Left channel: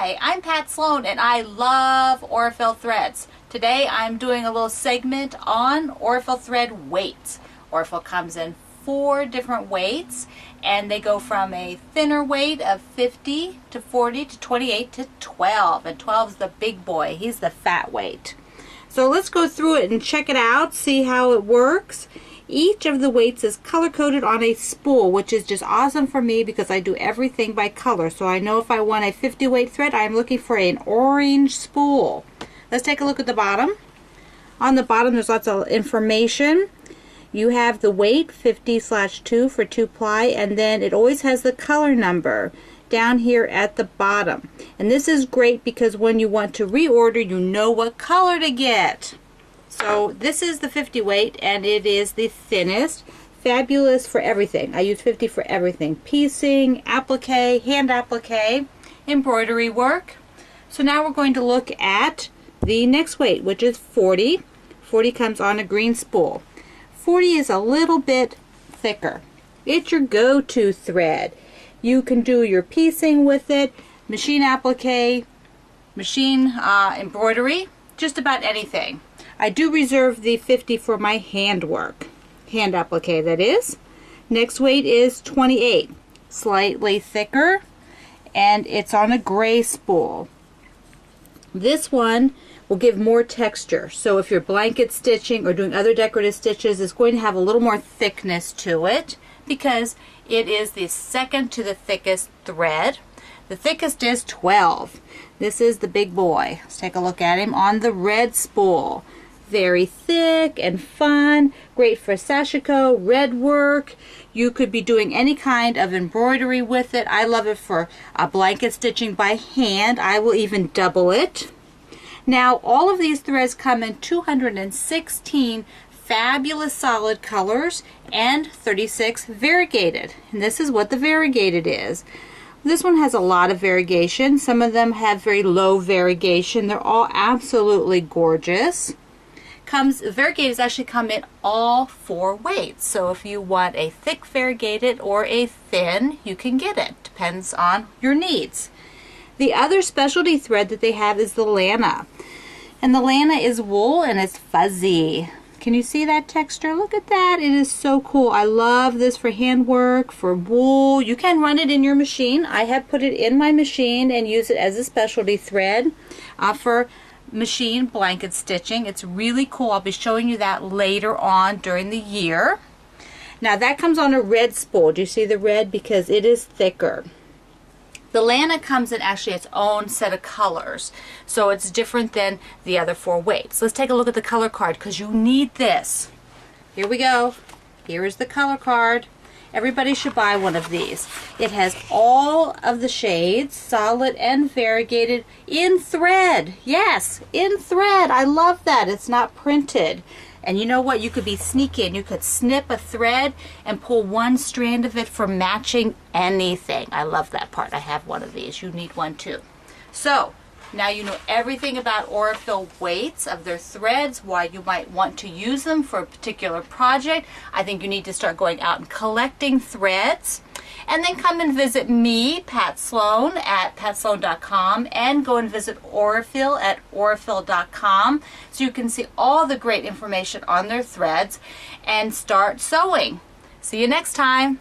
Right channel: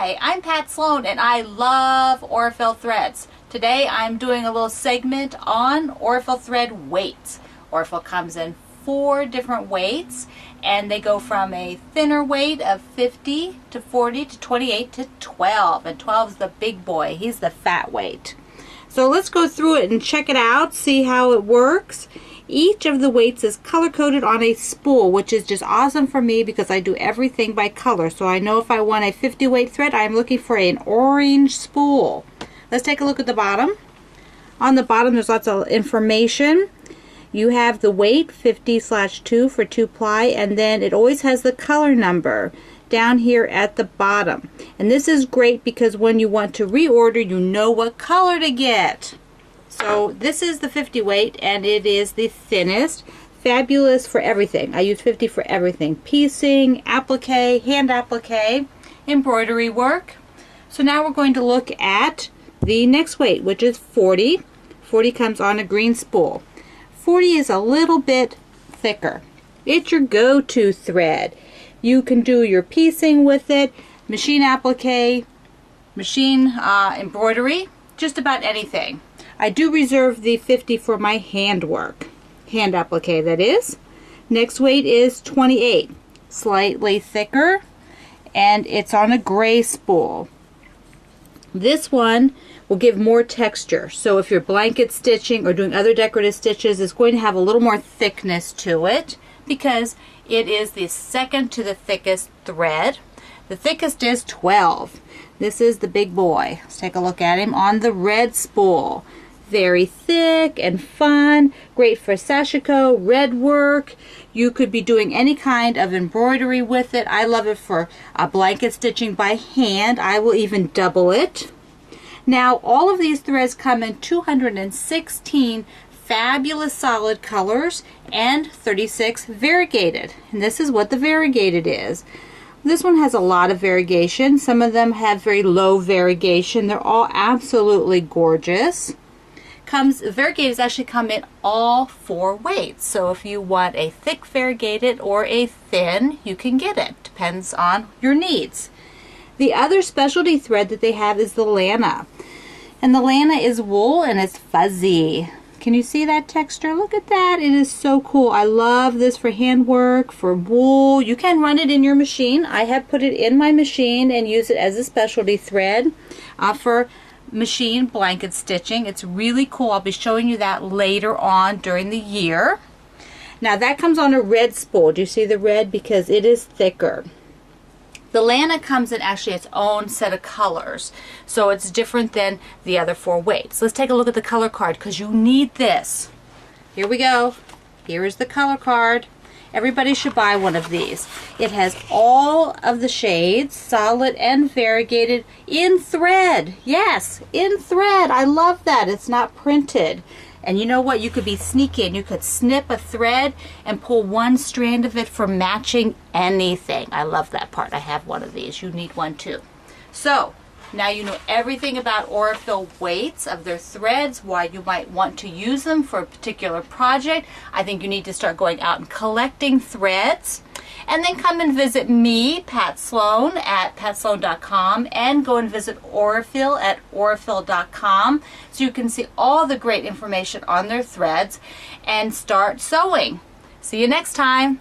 Hi, I'm Pat Sloan and I love Aurifil threads. Today I'm doing a little segment on Aurifil thread weights. Aurifil comes in 4 different weights and they go from a thinner weight of 50 to 40 to 28 to 12, and 12 is the big boy. He's the fat weight. So let's go through it and check it out, see how it works. Each of the weights is color-coded on a spool, which is just awesome for me because I do everything by color. So I know if I want a 50 weight thread, I'm looking for an orange spool. Let's take a look at the bottom. On the bottom, there's lots of information. You have the weight, 50/2 for 2-ply, and then it always has the color number down here at the bottom. And this is great because when you want to reorder, you know what color to get. So this is the 50 weight and it is the thinnest. Fabulous for everything. I use 50 for everything. Piecing, applique, hand applique, embroidery work. So now we're going to look at the next weight, which is 40. 40 comes on a green spool. 40 is a little bit thicker. It's your go-to thread. You can do your piecing with it, machine applique, machine embroidery, just about anything. I do reserve the 50 for my hand work. Hand applique, that is. Next weight is 28. Slightly thicker, and it's on a gray spool. This one will give more texture. So if you're blanket stitching or doing other decorative stitches, it's going to have a little more thickness to it because it is the second to the thickest thread. The thickest is 12. This is the big boy. Let's take a look at him on the red spool. Very thick and fun, great for sashiko, red work. You could be doing any kind of embroidery with it. I love it for blanket stitching by hand. I will even double it. Now all of these threads come in 216 fabulous solid colors and 36 variegated. And this is what the variegated is. This one has a lot of variegation. Some of them have very low variegation. They're all absolutely gorgeous. Variegateds actually come in all 4 weights. So if you want a thick variegated or a thin, you can get it. Depends on your needs. The other specialty thread that they have is the Lana. And the Lana is wool and it's fuzzy. Can you see that texture? Look at that. It is so cool. I love this for handwork, for wool. You can run it in your machine. I have put it in my machine and use it as a specialty thread for machine blanket stitching. It's really cool. I'll be showing you that later on during the year. Now that comes on a red spool. Do you see the red? Because it is thicker. The Lana comes in actually its own set of colors, so it's different than the other 4 weights. Let's take a look at the color card because you need this. Here we go. Here is the color card. Everybody should buy one of these. It has all of the shades, solid and variegated, in thread. Yes, in thread. I love that. It's not printed. And you know what? You could be sneaky and you could snip a thread and pull one strand of it for matching anything. I love that part. I have one of these. You need one too. So now you know everything about Aurifil weights of their threads, why you might want to use them for a particular project. I think you need to start going out and collecting threads. And then come and visit me, Pat Sloan, at patsloan.com, and go and visit Aurifil at aurifil.com so you can see all the great information on their threads and start sewing. See you next time.